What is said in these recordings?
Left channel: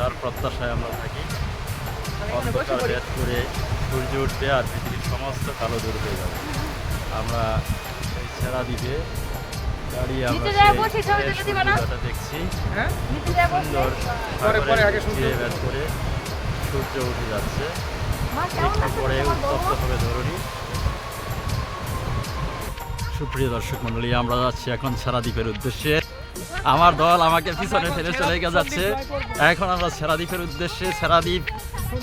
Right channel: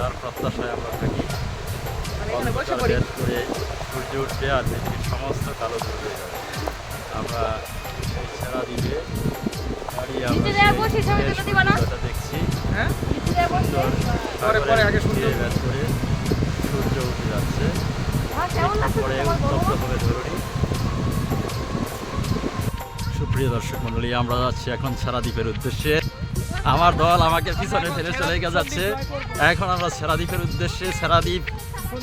যার প্রত্যাশায় আমরা থাকি। অন্ধকার বের করে সূর্য উঠবে আর পৃথিবীর সমস্ত কালো দূর হয়ে যাবে। আমরা সেই ছেড়া দ্বীপে দাঁড়িয়ে আমরা সেই সূর্যোদয়টা দেখছি। খুব সুন্দর সাগরের তীরে ভেদ করে সূর্য উঠে যাচ্ছে। একটু পরে উত্তপ্ত হবে ধরণী। সুপ্রিয় দর্শক মণ্ডলী, আমরা যাচ্ছি এখন ছেড়া দ্বীপের উদ্দেশ্যে। আমার দল আমাকে পিছনে ফেলে চলে যাচ্ছে। এখন আমরা ছেড়া দ্বীপের উদ্দেশ্যে ছেড়া দ্বীপ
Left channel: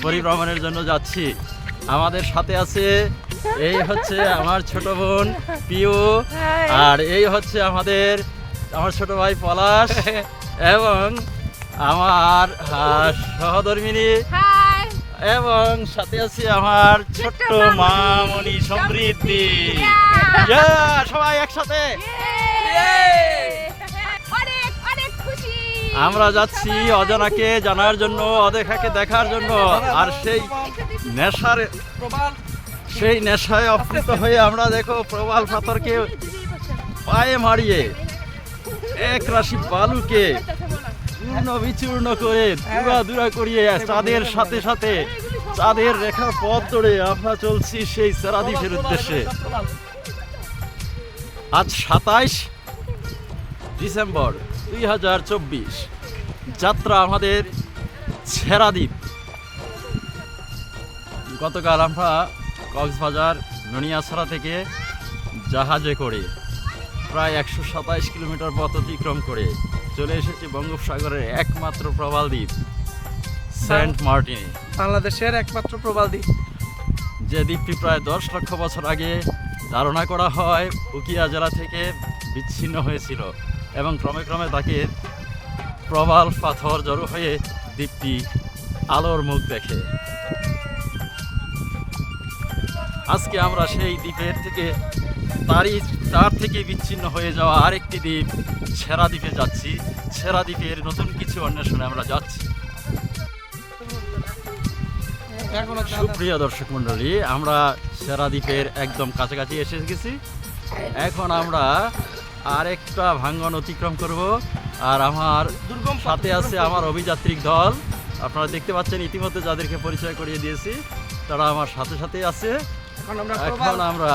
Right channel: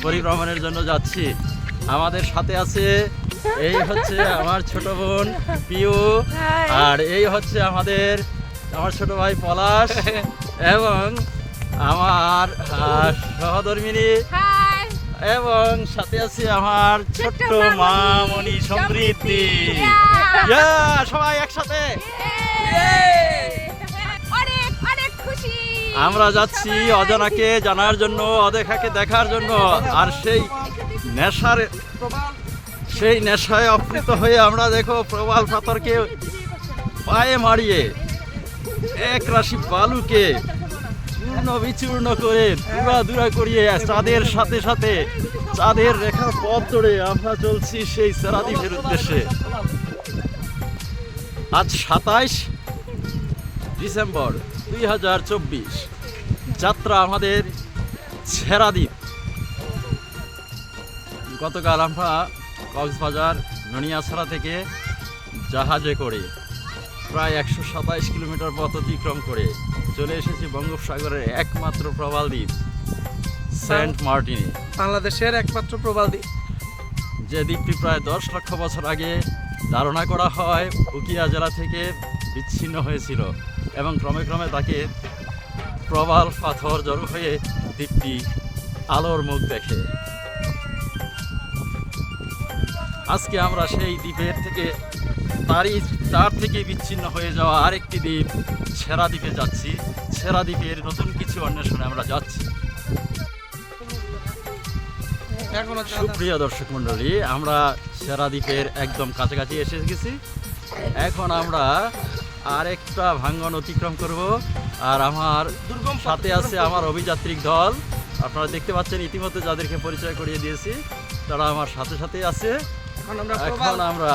পরিভ্রমণের জন্য যাচ্ছি। আমাদের সাথে আছে এই হচ্ছে আমার ছোট বোন পিউ, আর এই হচ্ছে আমার ছোট ভাই পলাশ এবং আমার সহধর্মিনী, এবং সাথে আছে আমার ছোট্ট মামনি সমৃদ্ধি। সবাই একসাথে আমরা যাচ্ছি অজানাকে জানার জন্য, অদেখাকে দেখার জন্য। আর সেই নেশায় অপ্লুত হয়ে আমরা দেখো প্রবাল পাথরকে পায়ে মারিয়ে এক রাশি বালুকে চূর্ণ বিচূর্ণ করে দুরা করিয়ে চাঁদের সাথে সাথে চাঁদের রেখার পথ ধরে আমরা চলছি সেই ছেড়া দ্বীপের উদ্দেশ্যে। আজ 27 ডিসেম্বর 2024, যাত্রা আমাদের ছেড়া দ্বীপ। গতকাল আমরা কক্সবাজার ননিয়াছড়া থেকে জাহাজে করে প্রায় 127 কিলোমিটার পথ অতিক্রম করে চলে এসেছি বঙ্গোপসাগরের একমাত্র প্রবাল দ্বীপ সেন্ট মার্টিনে, বাংলাদেশের একমাত্র প্রবাল দ্বীপ। যে দ্বীপটি প্রায় 10 লক্ষ বছর আগে ধারণা করা হয় উখিয়া জেলা থেকে বিচ্ছিন্ন হয়েছিল এবং ক্রমে ক্রমে তাকে প্রবাল পাথর জড়ো হয়ে দ্বীপটি আলোর মুখ দেখে। আজকে আমরা সেই দ্বীপের থেকে তার থেকে বিচ্ছিন্ন হয়ে যাওয়া আরেকটি দ্বীপ ছেড়া দ্বীপে যাচ্ছি। ছেড়া দ্বীপের নতুন কিছু অন্বেষণে আমরা যাচ্ছি। সুপ্রিয় দর্শক মণ্ডলী, আমরা ছেড়া দ্বীপের একদম কাছাকাছি এসে গেছি। এখন আমরা আরেকটা ভাঙ্গন অতিক্রম করব। আর আমার সাথে আছে আমার অভিযাত্রিক দল। আপনারা দেখতে পাচ্ছেন ইতিমধ্যে যাদেরকে পরিচয় করিয়ে দিয়েছি, তারা আমার সাথে সাথে আছে। এখন আমরা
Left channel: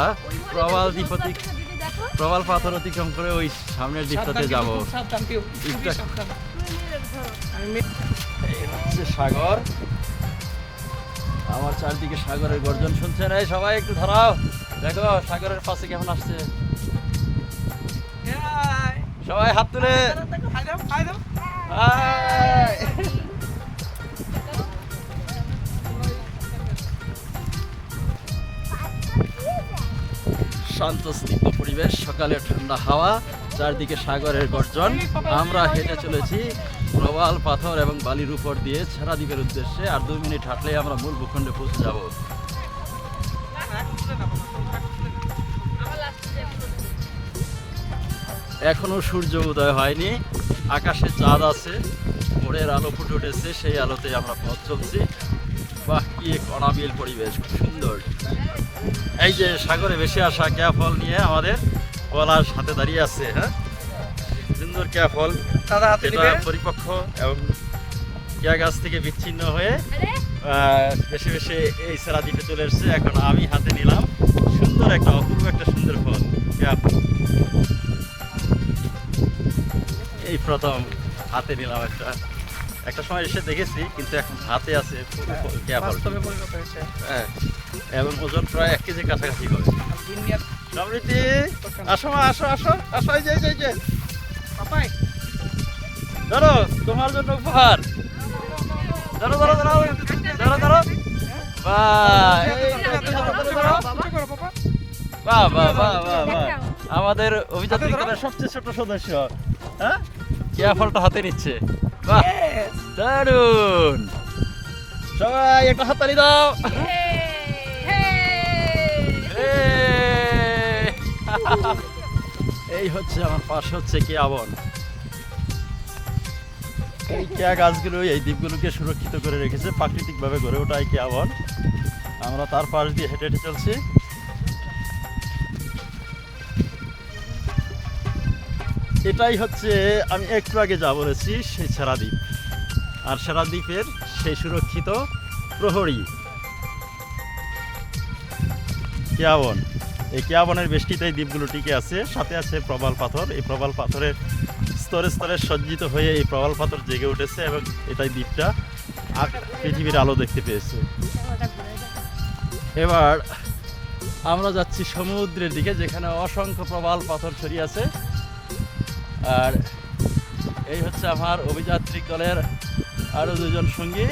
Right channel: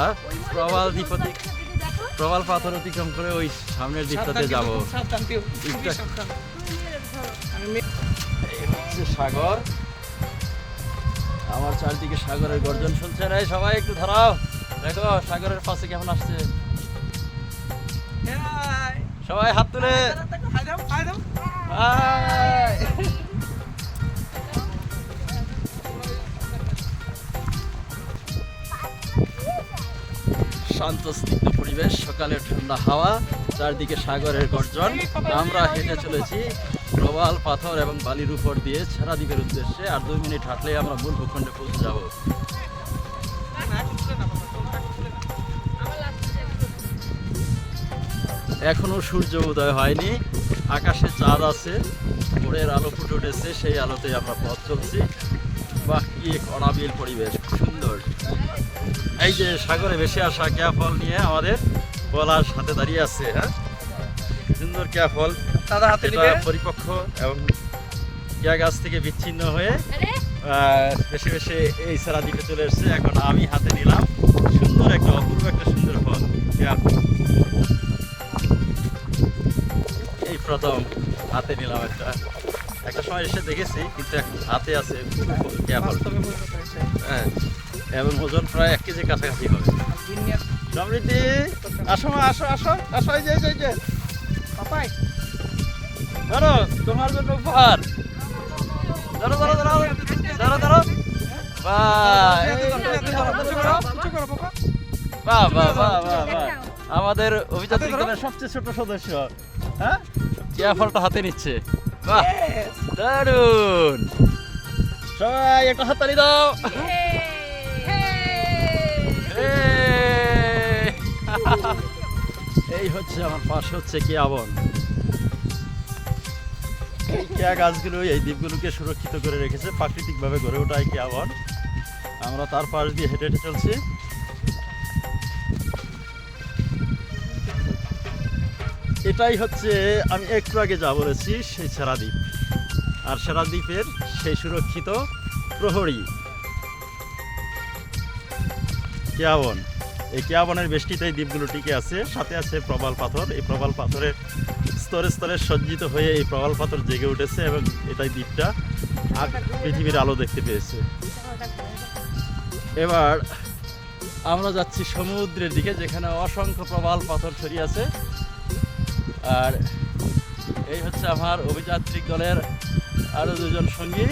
প্রবাল পাথর অতিক্রম করে ওই সামনের দ্বীপটাতে যাব। সাগর, আমার চারদিকে সাগরের গর্জন শুনছে। রে সবাই একটু ধরাও, দেখো সাগরের পাশে কেমন আসছে। সবাই হাত তুলে শান্ত স্নিগ্ধ পরিবেশ, সকালে ঠান্ডা হাওয়া, চারদিকে সাগরের গর্জন। আমরা হেঁটে চলেছি প্রবাল পাথর এবং বালির উপর দিয়ে ছেড়া দ্বীপের উদ্দেশ্যে। আর 2 মিনিট হাঁটলেই আমরা মূল ভূখণ্ডে পৌঁছে যাব। এখনো সূর্য উদয় হয়নি, আকাশে চাঁদ আছে, ভোরের আলো ফুটে উঠেছে, সেই আলোতে আমরা পথ চলছি। বাহ, কি এক অনাবিল পরিবেশ, খুব সুন্দর। এই যে সাগরে ভেসে আসা কেয়া ফল নিয়ে আমাদের পলাশ হাতে দাঁড়িয়ে আছে। হ্যাঁ, সুন্দর কেয়া ফল, পরিপক্ক এবং কেয়া গাছ থেকে বিচ্ছিন্ন হয়ে ভেসে ভেসে এই ছেড়া দ্বীপে চলে এসছে। এখন আমি হাতে নিলাম সুন্দর একটা অপূর্ব একটা সুন্দর ফল, কেয়া ফল। এই প্রথম হাতে নিলাম একটা সময় এসে দেখেছি, কিন্তু এখন হাতে আছে কেয়া ফল। হ্যাঁ, এবং ওজন প্রায় 1 কেজির কাছাকাছি হবে। সমৃদ্ধি, আসো মা, আসো আসো আসো, এই যে ধরো তোমার জন্য উপহার। ধরো ধরো ধরো ধরো ধরো। বাহ বাহ বাহ বাহ বাহ, আমাদের অভিযাত্রী দলের সবচেয়ে ছোট সদস্য, হ্যাঁ, কেয়া ফলটা হাতে নিচ্ছে। বাহ, দারুন। সবাই একটা হাততালি দাও। এই হচ্ছে আমার পাশে হচ্ছে কেয়া বন। এই কেয়া গাছগুলো এই দ্বীপগুলোকে সুরক্ষিত করে রেখেছে, প্রাকৃতিকভাবে গড়ে ওঠা এই কেয়া বন। আমরা তার পাশ দিয়ে হেঁটে হেঁটে চলছি। এটাই হচ্ছে আমি একটু আগে যা বলেছি সেই ছেড়া দ্বীপ। আর সেরা দ্বীপের সেই সুরক্ষিত প্রহরী কেয়াবন। এই কেয়াবনের বেষ্টিত এই দ্বীপগুলো টিকে আছে, সাথে আছে প্রবাল পাথর। এই প্রবাল পাথরের স্তরে স্তরে সজ্জিত হয়ে এই প্রবাল পাথর জেগে উঠেছে এবং এটাই দ্বীপটা পৃথিবীর আলো দেখতে পেয়েছে। এবার আমরা যাচ্ছি সমুদ্রের দিকে, যেখানে অসংখ্য প্রবাল পাথর ছড়িয়ে আছে। আর এই হচ্ছে আমার অভিযাত্রিক দলের আরো দুজন সঙ্গী।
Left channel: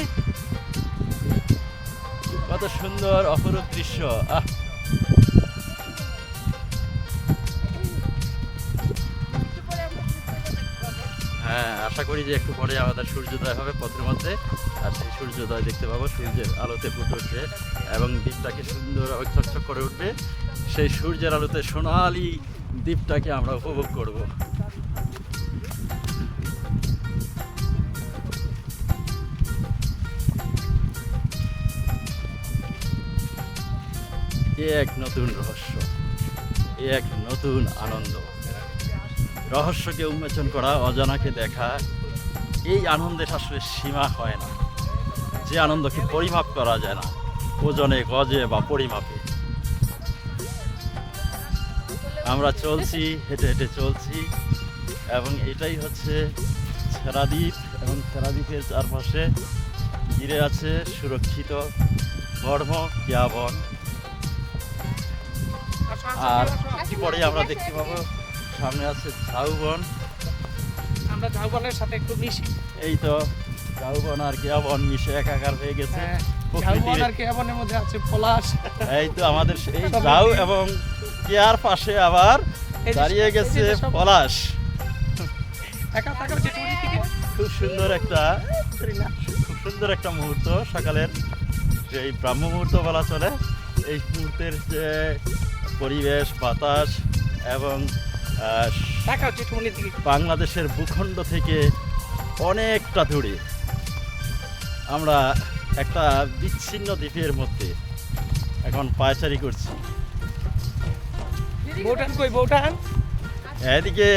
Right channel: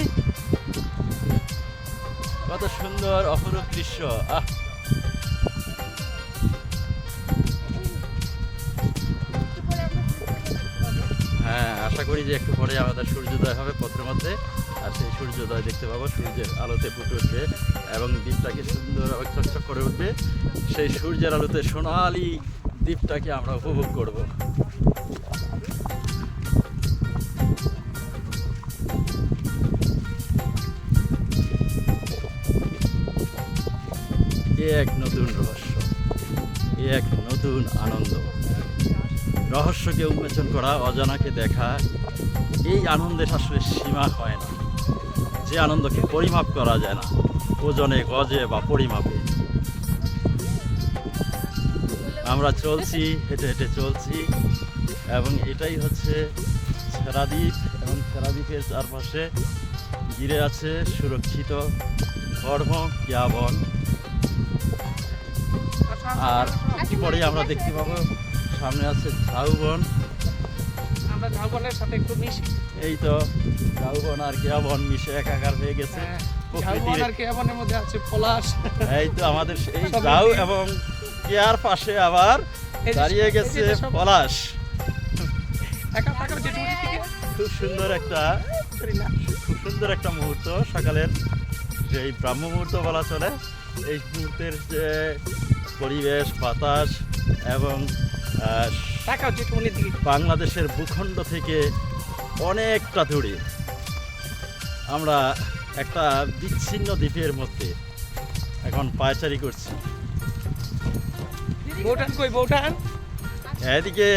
কত সুন্দর অপরূপ দৃশ্য! হ্যাঁ, আশা করি যে একটু পরে আমাদের সূর্যোদয় হবে পথের মধ্যে, আর সেই সূর্যোদয় দেখতে পাবো, সূর্যের আলোতে ফুটে উঠবে এবং দ্বীপটাকে সুন্দর চকচক করে উঠবে। সেই সূর্যের আলোতে সোনালি দ্বীপটাকে আমরা উপভোগ করব। এ এক নতুন রহস্য, এ এক নতুন আনন্দ। রহস্যকে উন্মোচন করা, অজানাকে দেখা, এই আনন্দের আসলে সীমা হয় না। যে আনন্দকে পরিমাপ করা যায় না ওজনে, গজে বা পরিমাপে। আমরা চলছি, হেঁটে হেঁটে চলছি, এবং এটাই হচ্ছে সেরাদ্বীপ। এবং সেরাদ্বীপের চারপাশে ঘিরে আছে সুরক্ষিত কর্ম কেয়াবন। আর একটু পরেই আমরা দেখতে পাবো সামনে আছে ঝাউবন। আমরা ঝাউবনের সাথে একটু মিশি। এই তো ঝাউবন আর কেয়াবন মিশে একাকার হয়ে গেছে প্রকৃতির। ঝাউবন আর কেয়াবনের মধ্যে আছে পলাশ। এই তো আমাদের এই ঝাউ এবং কেয়ার পাশে আবার দাঁড়িয়ে গেছে পলাশ। একা থাকার যে টুরি থেকে খুব সুন্দর একটা মুহূর্ত, সকালের যে এই ব্রাহ্ম মুহূর্ত বলা চলে। এই মুহূর্তের যে পরিবেশ, বাতাস এবং বাংলাদেশের ভূখণ্ড থেকে অনেকটা দূরে আমরা একটা বিচ্ছিন্ন দ্বীপের মধ্যে এখন পায়চারি করছি। বউটান কই? বউটান এদিকে।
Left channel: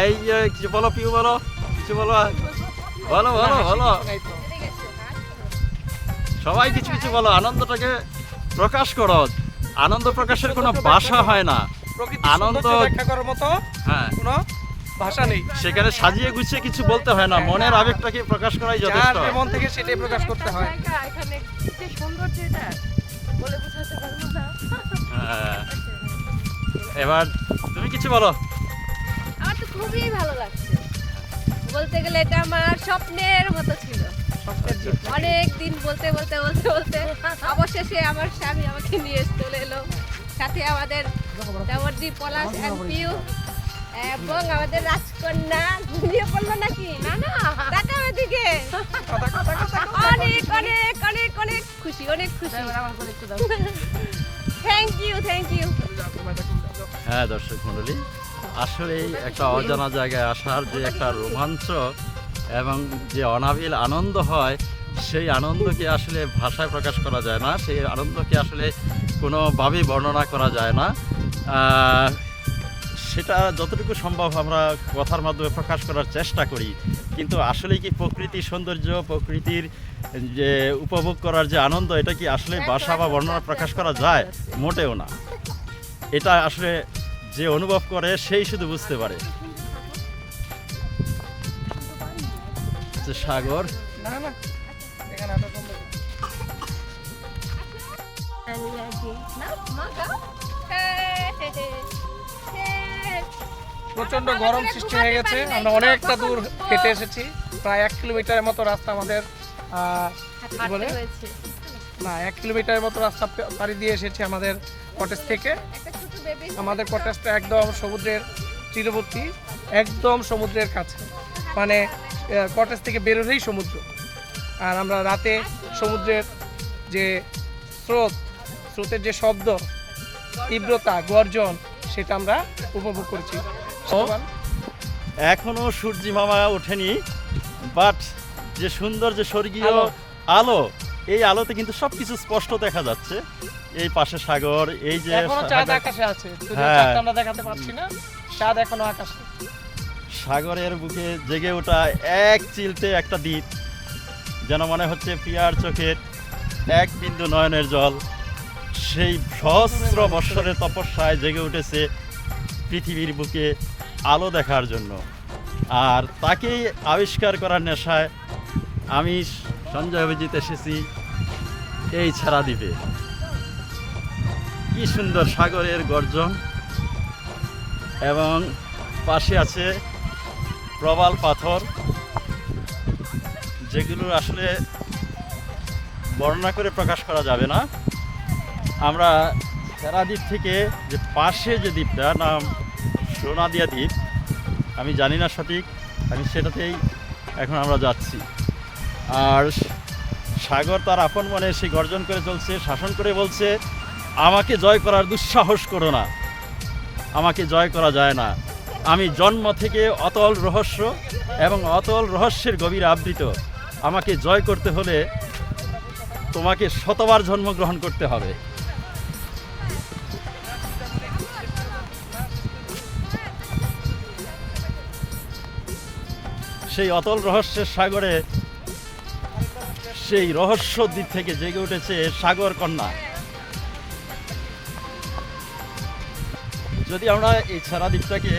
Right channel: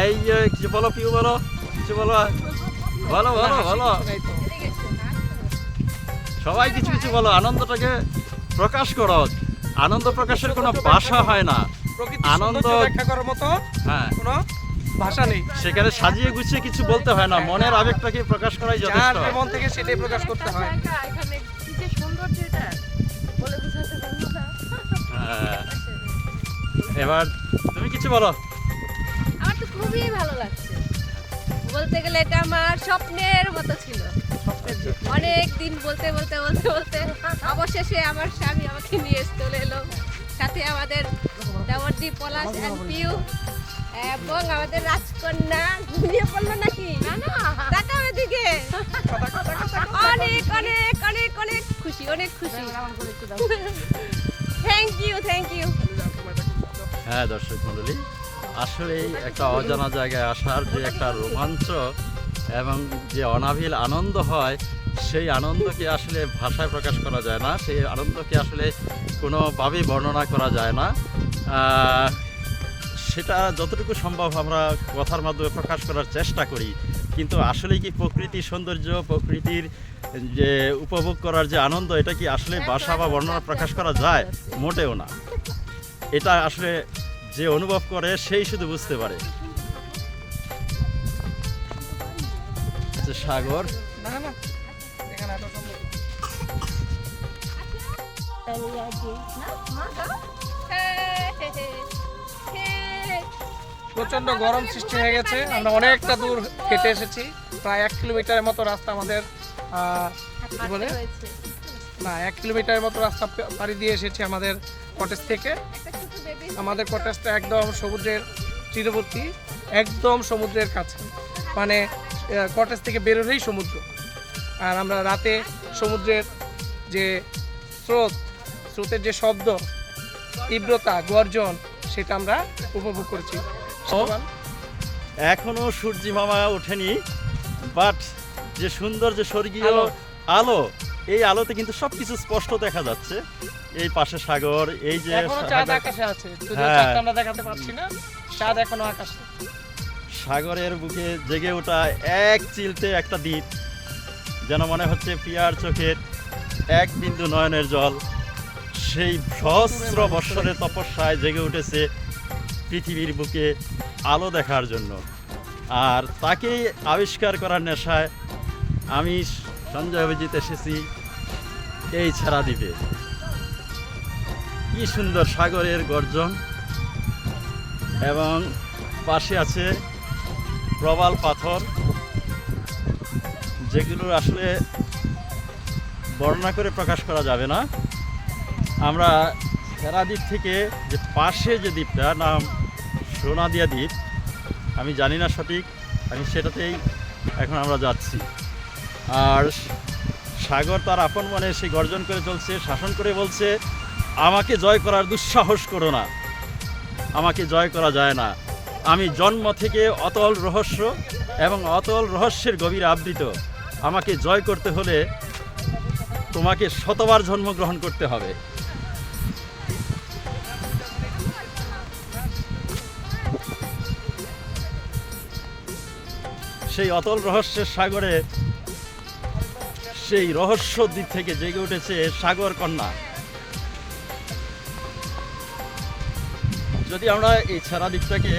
এই যে কিছু বলো, পিউ বলো, কিছু বলো, বলো বলো বলো, সবাই কিছু কিছু বলো, আনন্দটাকে প্রকাশ করো। আনন্দ প্রকাশের কোনো ভাষা হয় না। আনন্দ ব্যাখ্যা করার মতো হ্যাঁ কোনো ভাষা নেই। সেখানে সাজিয়ে গুছিয়ে কিছু বলতে হয় না, মনের আবেগটাকে প্রকাশ করাই যথেষ্ট। যার মন থেকে সেটাই প্রকাশ করতে হয়। এখানে কি যে সৌন্দর্য, এটা বলে বোঝাতে পারবো না। হ্যাঁ, এবার তুমি কিছু বলো। আমার তো খুবই ভালো লাগছে, বলতে গেলে এটা আমার স্বপ্নের মতো ছিল। অনেক দিন বলতে বলতে বলতে বলতে অবশেষে আমার স্বামী আমাকে নিয়ে চলে এলো, সাথে আমাদের দেওয়ারদীপ, পলাশ অ্যান্ড পিউ এবং আমাদের রাজকন্যা ঘুমিয়ে পড়লো নাকি? না না, দেখা ওদিকে। অনেক অনেক অনেক অনেক খুশি, অনেক খুশি। Thank you, thank you. হ্যাঁ দর্শক মণ্ডলী, আসলেই একটা অজানা জায়গায় আসার যে একটা রোমাঞ্চ এবং যে অনাবিল আনন্দ হয়, সেই আনন্দকে আসলে ভাষায় প্রকাশ করা যায় না। সেই আনন্দকে আসলে কোনোভাবেই বর্ণনা করা যায় না। সেটা যতটুকু সম্ভব আমরা কথার মাধ্যমে প্রকাশ করার চেষ্টা করি, কিন্তু আসলে কি প্রকৃতির সৌন্দর্য, প্রকৃতির যে উপভোগ করার যে আনন্দ, এটা কি আসলে ভাষা বা বর্ণনা প্রকাশ করা যায়? মোটেও না। এটা আসলে যে অনুভব করে সেই শুধু বুঝতে পারে। সাগর, প্রচন্ড গরম সৃষ্টি হয়ে গেছে। আমরা অনেকটা দূর হেঁটে এসেছি, প্রায় 1 কিলোমিটারের মতো রাস্তা আমাদের কি বলে না 1 কিলোমিটারের মতো রাস্তা পাড়ি দিয়ে এসেছি আমাদের কটেজ থেকে। আমাদের কটেজটা একদম সমুদ্রের তীরবর্তী, একদম সমুদ্রের কাছে, মানে কটেজ থেকে বেরোলেই সমুদ্র। আর আমরা রাতে সমুদ্রের যে স্রোতের যে শব্দ, তীব্রতা, গর্জন, সেটা আমরা উপভোগ করেছি। এখনো সূর্যি মামা ওঠেনি, বাট যে সুন্দর যে স্বর্গীয় আলো এই আলোতে কিন্তু সবকিছু স্পষ্ট দেখা যাচ্ছে। এই পাশে সাগর, এই যে এখনো চাঁদ আকাশে আছে, যদিও হ্যাঁ। চাঁদটা আমরা দেখাতে পারছি না, চাঁদ এখনো আকাশে। সাগরের বুকে জেগে ওঠা এক চিলতে একটা দ্বীপ, যেন মনে হচ্ছে পিয়ার চোখের এক বিন্দু নয়নের জল সেই সহস্র বৎসরের তপস্যায় জেগে উঠেছে পৃথিবীর বুকে আলো দেখার জন্য। আর তাকেই আবিষ্কার করার নেশায় আমি সঞ্জয় অভিজিৎ এসেছি এই ছেড়া দ্বীপে। কি সুন্দর সাগরের গর্জন, এবং পাশে আছে প্রবাল পাথর, যেগুলো আসলে বর্ণনা করে প্রকাশ করা যাবে না। আমরা ছেড়া দ্বীপ থেকে যে পাশে যে দ্বীপটা নাম সোনাদিয়া দ্বীপ, আমি জানি না সঠিক, আমি সেটাতেই এখন আমরা যাচ্ছি। আর সাগর তার আপন মনে সেই গর্জন করে চলছে, শাসন করে বলছে, আমাকে জয় করার দুঃসাহস করো না, আমাকে জয় করা যায় না। আমি জন্ম থেকে অতল রহস্য এবং অতল রহস্যের গভীরে আবৃত। আমাকে জয় করতে হলে তোমাকে শতবার জন্মগ্রহণ করতে হবে। সেই অতল রহস্যের সাগরে সেই রহস্য দ্বীপ থেকে জেগে উঠেছে সাগর কন্যা। যদি আমরা এই ছেড়া দ্বীপটাকে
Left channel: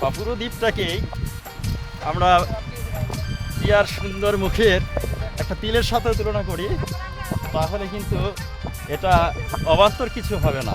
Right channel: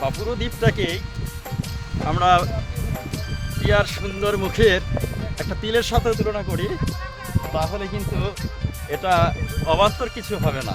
বা পুরো দ্বীপটাকেই আমরা পিয়ার সুন্দর মুখের একটা তিলের সাথে তুলনা করি, তাহলে কিন্তু এটা অবান্তর কিছু হবে না।